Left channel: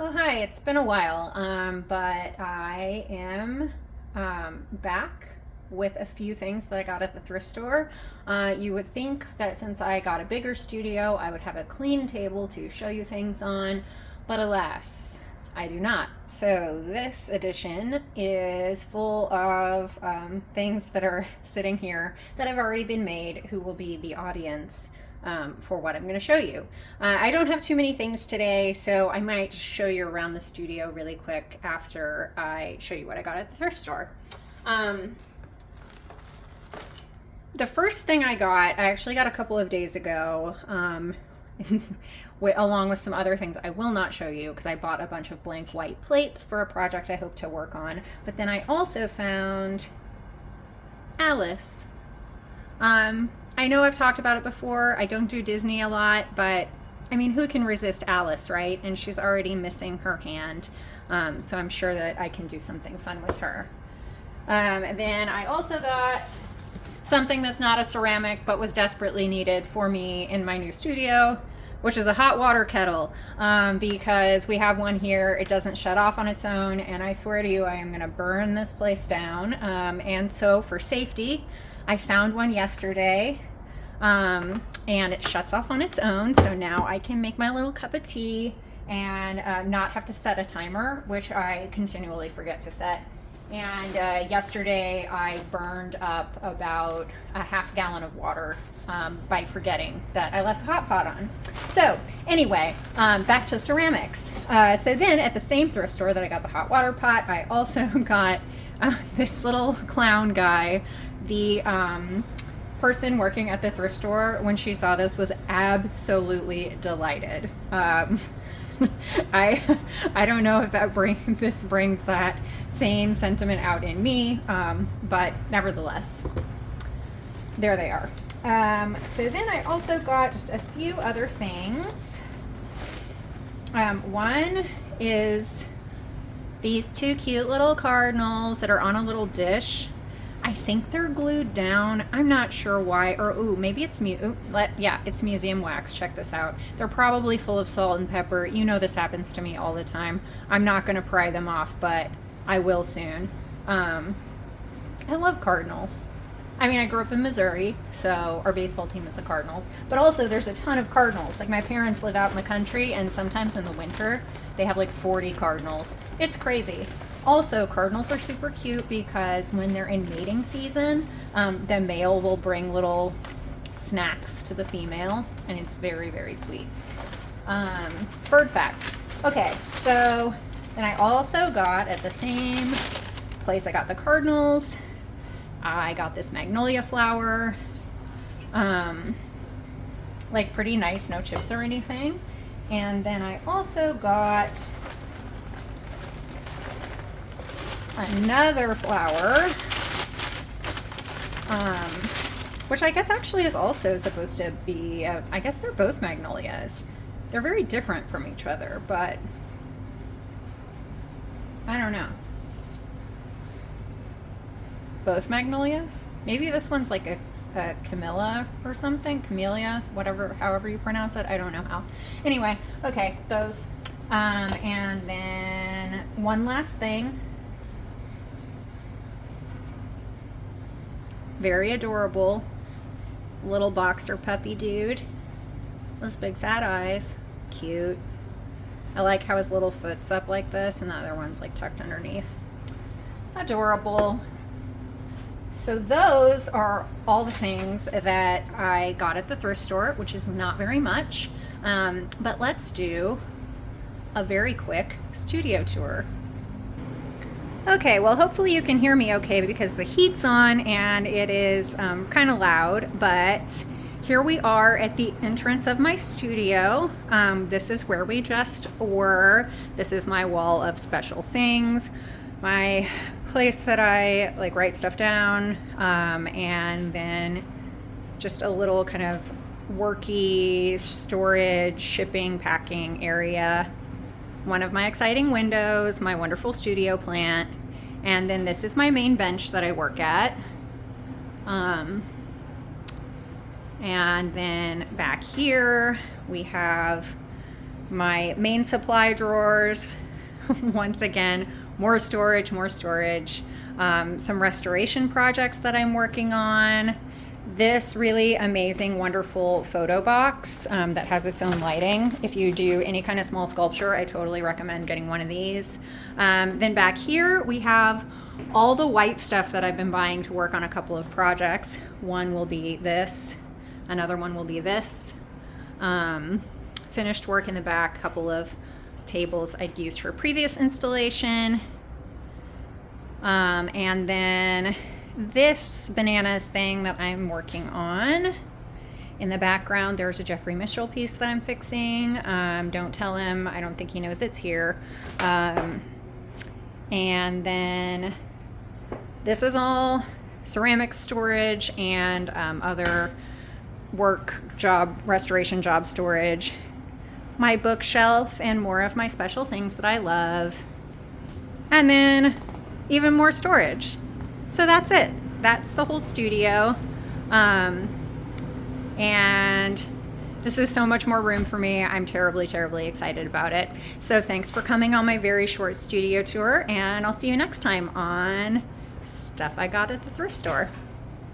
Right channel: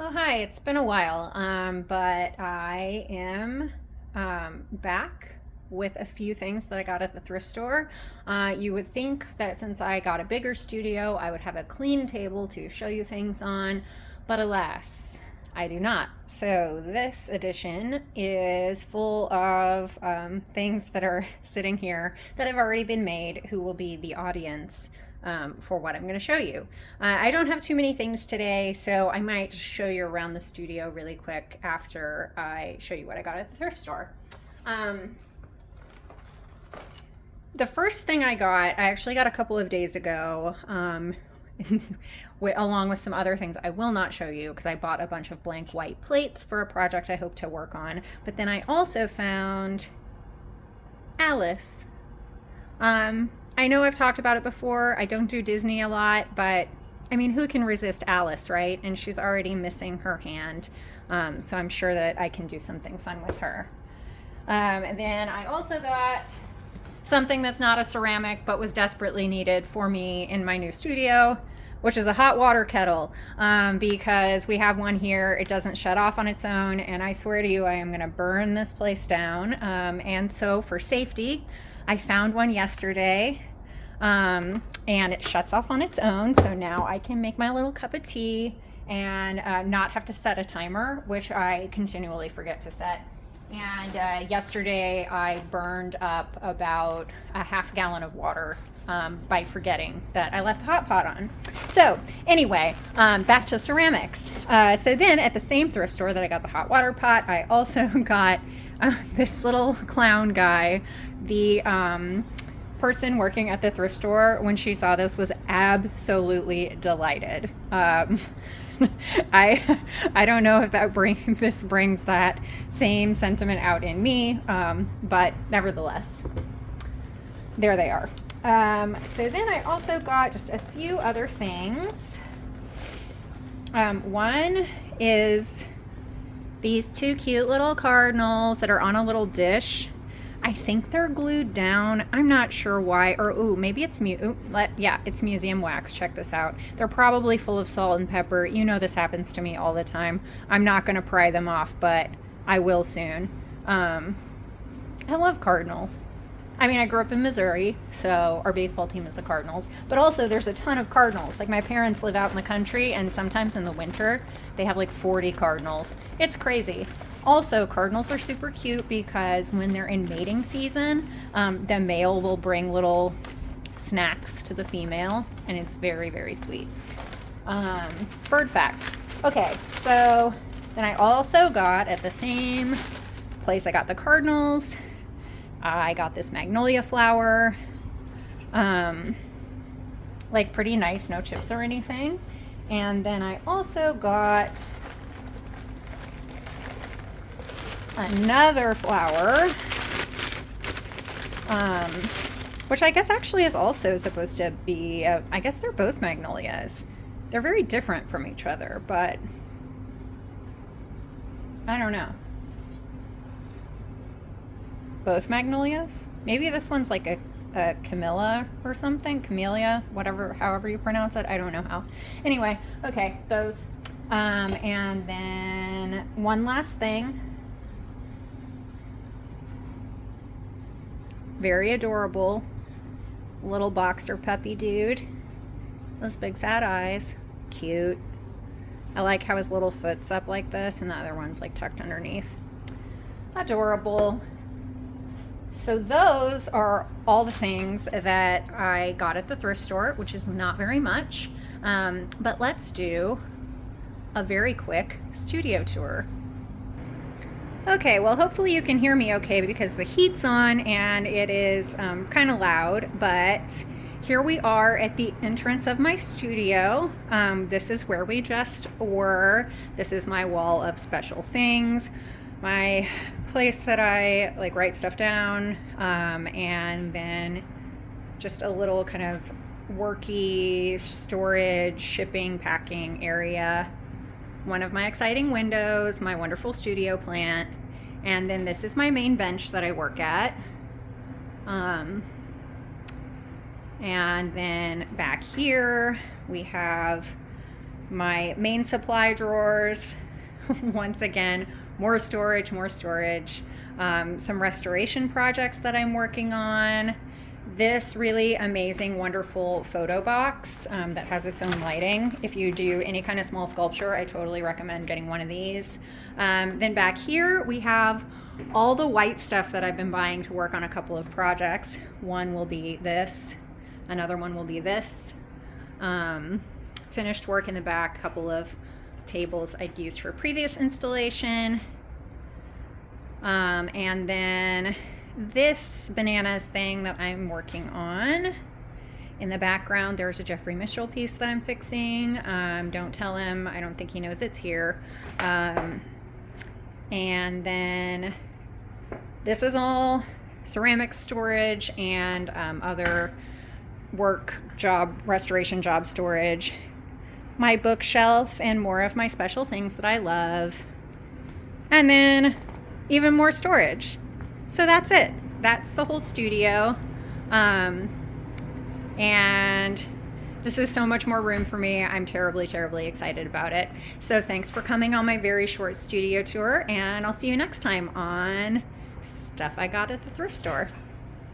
Oh, hi. It's been a while, but I am back with a few things that I got at the thrift store. You would think that since I got a bigger studio, I would have a clean table to show you things on, but alas, I do not. So this edition is full of things that are sitting here that have already been made, who will be the audience for what I'm going to show you. I don't have too many things today, so I might just show you around the studio really quick after I show you what I got at the thrift store. Um, the first thing I got, I actually got a couple of days ago, along with some other things I will not show you because I bought a bunch of blank white plates for a project I hope to work on. But then I also found Alice. I know I've talked about it before. I don't do Disney a lot, but I mean, who can resist Alice, right? And she's already missing her hand. So I'm sure that I can do something fun with her. And then I also got something that's not a ceramic but was desperately needed for me in my new studio, which is a hot water kettle, because we have one here. It doesn't shut off on its own, and I swear to you, I am going to burn this place down. And so for safety, I found one yesterday, and it shuts off on its own. So now I can make my little cup of tea and not have to set a timer, which I continually forget to set. And yesterday I burned up about a half gallon of water by forgetting that I left the hot pot on. So anyway, back to ceramics. So then at the same thrift store that I got the hot water pot, I also got this little clown guy. The person working at the thrift store, when she saw this, was absolutely delighted. I don't know if this brings that same sentiment out in me, but nevertheless, there they are. So then I also got just a few other things. One is these two cute little cardinals that are on a little dish. I think they're glued down. I'm not sure why. Or maybe it's it's museum wax. Check this out. They're probably full of salt and pepper. You know this happens to me all the time. I'm not going to pry them off, but I will soon. I love cardinals. I mean, I grew up in Missouri, so our baseball team is the Cardinals. But also, there's a ton of cardinals. Like, my parents live out in the country, and sometimes in the winter, they have like 40 cardinals. It's crazy. Also, cardinals are super cute because when they're in mating season, the male will bring little snacks to the female, and it's very, very sweet. Bird facts. Okay, so then I also got at the same place I got the cardinals, I got this magnolia flower, like pretty nice, no chips or anything. And then I also got another flower, which I guess actually is also supposed to be, I guess they're both magnolias. They're very different from each other, but I don't know. Both magnolias? Maybe this one's like a Camilla or something. Camellia, whatever, however you pronounce it. I don't know how. Anyway, okay, those. And then one last thing. Very adorable little boxer puppy dude. Those big sad eyes. Cute. I like how his little foot's up like this and the other one's like tucked underneath. Adorable. So those are all the things that I got at the thrift store, which is not very much. But let's do a very quick studio tour. Okay, well, hopefully you can hear me okay because the heat's on and it is kind of loud, but here we are at the entrance of my studio. This is where we just were. This is my wall of special things, my place that I like write stuff down, and then just a little kind of worky storage, shipping, packing area. One of my exciting windows, my wonderful studio plant, and then this is my main bench that I work at. And then back here we have my main supply drawers. Once again, more storage, some restoration projects that I'm working on. This really amazing, wonderful photo box that has its own lighting. If you do any kind of small sculpture, I totally recommend getting one of these. Then back here, we have all the white stuff that I've been buying to work on a couple of projects. One will be this, another one will be this. Finished work in the back, couple of tables I'd used for previous installation. And then this bananas thing that I'm working on. In the background, there's a Jeffrey Mitchell piece that I'm fixing. Don't tell him, I don't think he knows it's here. And then this is all ceramic storage and other restoration job storage. My bookshelf and more of my special things that I love. And then even more storage. So that's it. That's the whole studio. And this is so much more room for me. I'm terribly, terribly excited about it. So thanks for coming on my very short studio tour, and I'll see you next time on Stuff I Got at the Thrift Store.